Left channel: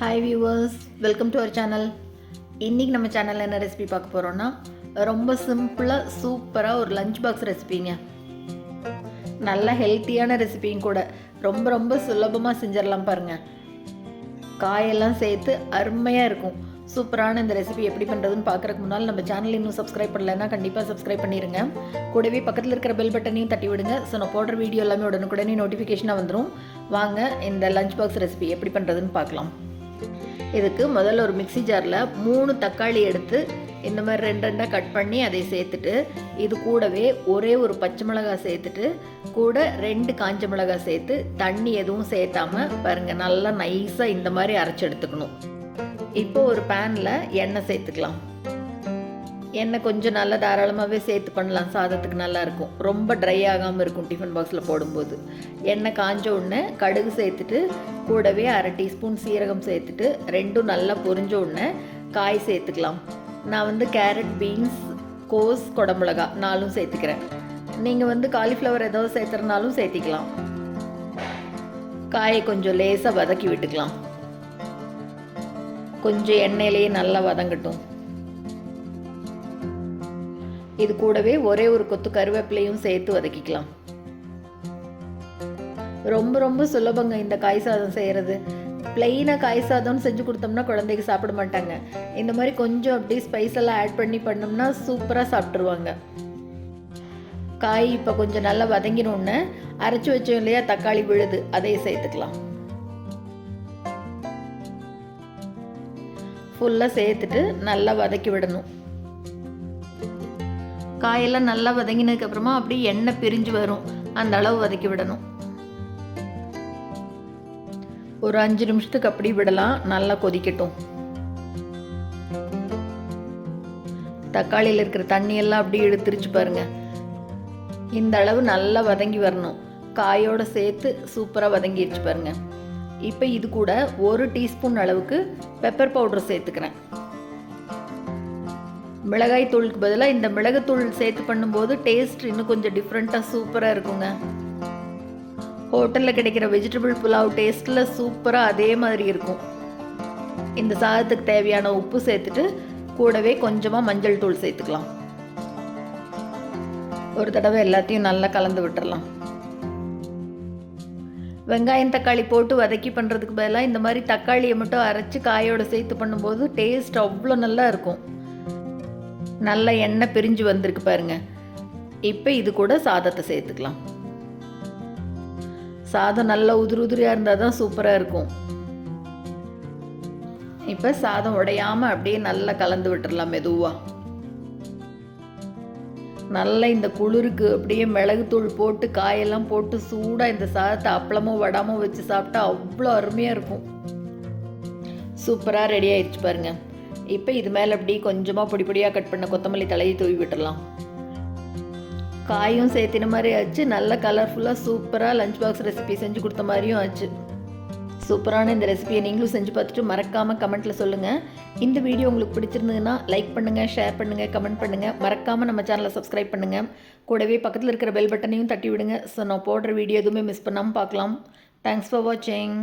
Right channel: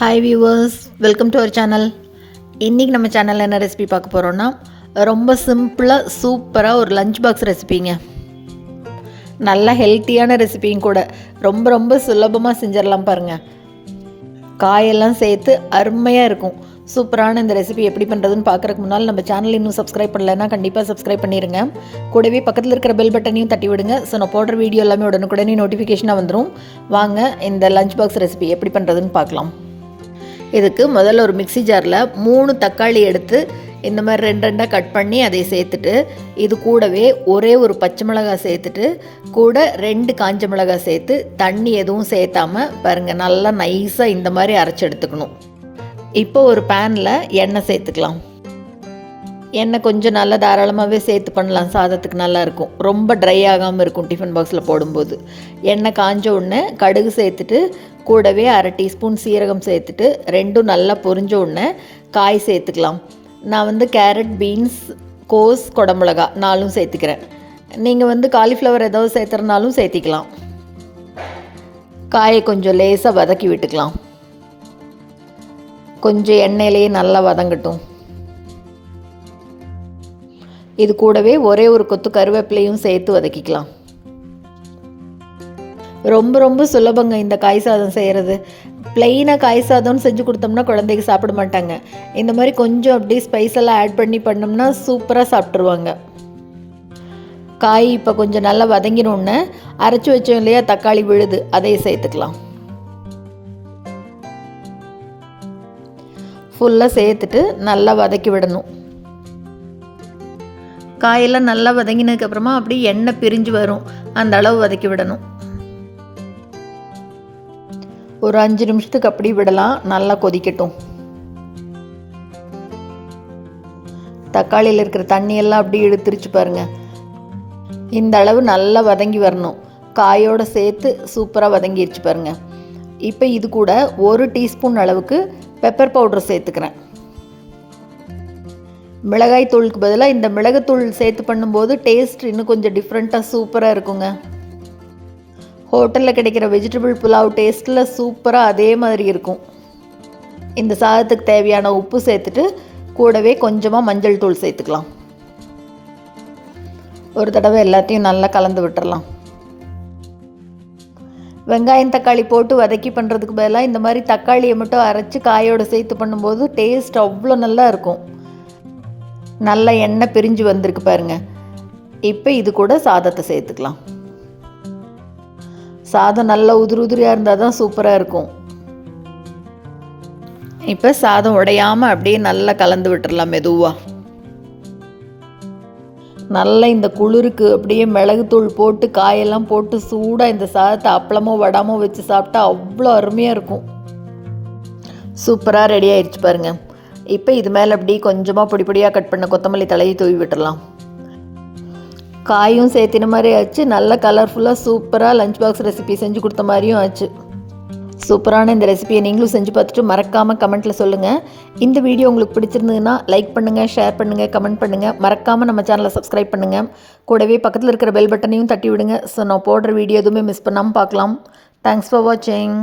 Hi viewers, welcome to our channel. இன்றைக்கி நம்ம சேனலில் என்ன ரெசிபி பார்க்க போகிறோன்னா, ரொம்ப சிம்பிளாக சூப்பராக ஒரு லஞ்ச் பாக்ஸ் ரெசிபிங்க. நல்ல ஹெல்த்தியான ரெசிபியும் கூட. ரொம்ப ரொம்ப சுலபமாக செஞ்சிடலாம் பாருங்கள். காயெல்லாம் சேர்த்து அருமையாக இருக்கும். சூப்பரான இந்த ரெசிபி எப்படி பண்ணுறதுன்னு பார்க்குறதுக்கு முன்னால் நம்ம சேனல் இன்னும் சப்ஸ்கிரைப் பண்ணலைன்னா கண்டிப்பாக சப்ஸ்கிரைப் பண்ணிடுங்க. கூடவே பக்கத்தில் இருக்கிற பெல் பட்டனையும் தட்டி விடுங்க. ஸோ நான் போடுற வீடியோ எல்லாமே உடனுக்குடனே நோட்டிஃபிகேஷனாக வந்துடும். வாங்க இந்த லஞ்ச் பாக்ஸ் ரெசிபி எப்படி பண்ணுறதுன்னு பார்க்கலாம். இதுக்கு முதல்ல ஒரு மிக்ஸி ஜாரில் 3 தக்காளி எடுத்து இந்த மாதிரி 2 கட் பண்ணி அதை சேர்த்துட்டு, இது கூடவே ஒரே ஒரு பச்சை மிளகாய் சேர்த்துட்டு, கூட 2 காஞ்ச மிளகாய் சேர்த்து தண்ணி எதுவும் சேர்த்தாமல் பாருங்கள் நல்லா நைஸாக இந்த மாதிரி அரைச்சி எடுத்துக்கணும். இப்போ ஒரு பேனில் எண்ணெய் சேர்த்துக்கலாம். எண்ணெய் கொஞ்சம் நல்லா தாராளமாகவே சேர்த்து பண்ணலாம், சாதத்துக்கு நல்லாயிருக்கும். ரொம்ப ட்ரை ஆகாமல் இருக்கும் டிஃபன் பாக்ஸில் போடும்போது. எண்ணெய் காஞ்ச உடனே கடுகு சேர்த்துட்டு, கூடவே 1/2 டீஸ்பூன் சீரகம் சேர்த்துட்டு, 2 நல்லா பொரிஞ்ச உடனே காய் சேர்த்துக்கலாம். நான் கேரட், பீன்ஸ், கோஸ், குடமிளகா 4 சேர்த்துக்கிறேன். நீங்கள் காலிஃப்ளவர் ஏதாவது சேர்த்துறனாலும் சேர்த்திக்கலாம். காயை கொஞ்சம் லேசாக வதக்கி விட்டுக்கலாம். கொஞ்சம் எண்ணெயிலேயே நல்லா வதங்கட்டும். இது கூடவே ஒரே ஒரு கொத்து கருவேப்பிலையும் சேர்த்து வதக்கிக்கலாம். ரொம்ப ரொம்ப சுலபங்க இந்த காய் சாதம் செய்கிறது. பிளெயினாக காய் சாதம்னு செஞ்சு கொடுத்தோம்னா குழந்தைக்கு சாப்பிட மாட்டாங்க. இந்த மாதிரி கொஞ்சம் அப்படியே ஸ்பைஸ் எல்லாம் ஆட் பண்ணி பண்ணோம்னா சூப்பராக சாப்பிட்ருவாங்க. காய் இப்போ கொஞ்சம் நல்லா வதங்கினோன்னு அரைச்சி வச்சோம் இல்லையா தக்காளி விழுது, அதையே சேர்த்துக்கலாம். ஃபுல்லாக சேர்த்துட்டு நல்லா வதக்கி விடணும். காயெல்லாம் நல்லா வதங்கினதுக்கப்புறமா அப்படியே எண்ணெய் பிரிஞ்சு வரும், அந்த அளவு வதக்கி விடணும். ஒரு 5 நிமிஷத்துக்கு அப்படி விடலாம், நல்லா கொதிக்கட்டும். தக்காளியில் இருக்கிற தண்ணியெல்லாம் அப்படியே இழுத்துருச்சு பாருங்கள். இந்த அளவு நல்லா வதங்கி வரணும். காயோடு சேர்த்து சூப்பராக வதங்கிடுச்சு பாருங்கள். இப்போ இது கூட 1 டீஸ்பூன் அளவுக்கு பெப்பர் பவுடர் சேர்த்துக்கிறேன். மிளகாய் தூளுக்கு பதிலாக இந்த மிளகுத்தூள் சேர்த்து பண்ணும்போது டேஸ்ட் இன்னும் கொஞ்சம் டிஃப்ரெண்ட்டாக சூப்பராக இருக்குங்க. ஹோட்டலில் கிடைக்கிற வெஜிடபிள் புலாவ் டேஸ்ட்டில் சூப்பராக அதே மாதிரி இருக்கும். இந்த சாதத்துக்கு தேவையான உப்பு சேர்த்துட்டு, கூடவே கொஞ்சமாக மஞ்சள் தூள் சேர்த்துக்கலாம். ஒரு தடவை எல்லாத்தையும் நல்லா கலந்து விட்டுறலாம். வெங்காயம் தக்காளி போட்டு வதக்கி பண்ணுறதுக்கு பதிலாக இந்த மாதிரி தக்காளியை மட்டும் அரைச்சி காயோடு சேர்த்து பண்ணும்போது டேஸ்ட் அவ்வளோ நல்லா இருக்கும். நல்ல எண்ணெய் பிரிஞ்சு வந்திருக்கு பாருங்கள். இப்போ இது கூட சாதத்தை சேர்த்துக்கலாம். சாதம் நல்லா உதிரியாக இருந்தால் தான் சூப்பராக இருக்கும். இப்போ சாதம் உடையாமல் அப்படியே நல்லா கலந்து விட்டுடலாம் மெதுவாக. நல்லா இந்த குளிருக்கு அப்படியே மிளகுத்தூள் போட்டு காயெல்லாம் போட்டு சூடாக இந்த சாதத்தை அப்பளமோ வடாமோ வச்சு சாப்பிட்டா அவ்வளோ அருமையாக இருக்கும். சூப்பராக ரெடி ஆயிடுச்சு பாருங்கள். இப்போ இது மேலே அப்படி கொஞ்சமாக பொடி பொடியாக கட் பண்ண கொத்தமல்லி தலையை தூவி விட்டுடலாம். காயும் சேர்த்தின மாதிரி ஆச்சு. நல்ல கலர்ஃபுல்லாக சூப்பராக லஞ்ச் பாக்ஸ் ரெசிபி செஞ்சு கொடுத்த மாதிரியும் ஆச்சு. சூப்பரான இந்த ரெசிபியை நீங்களும் செஞ்சு பார்த்துட்டு மறக்காமல் கமெண்ட்டில் சொல்லுங்கள். இந்த வீடியோ உங்களுக்கு பிடிச்சிருந்ததுன்னா லைக் பண்ணுங்கள், ஷேர் பண்ணுங்கள், கமெண்ட் பண்ணுங்கள். மறக்காமல் நம்ம சேனலை சப்ஸ்கிரைப் பண்ணுங்கள். கூடவே பக்கத்தில் இருக்கிற பெல் பட்டனையும் தட்டி விடுங்க. ஸோ நான் போடுற வீடியோ எதுவுமே மிஸ் பண்ணாமல் பார்க்கலாம். தேங்க்ஸ் ஃபார் வாட்சிங்.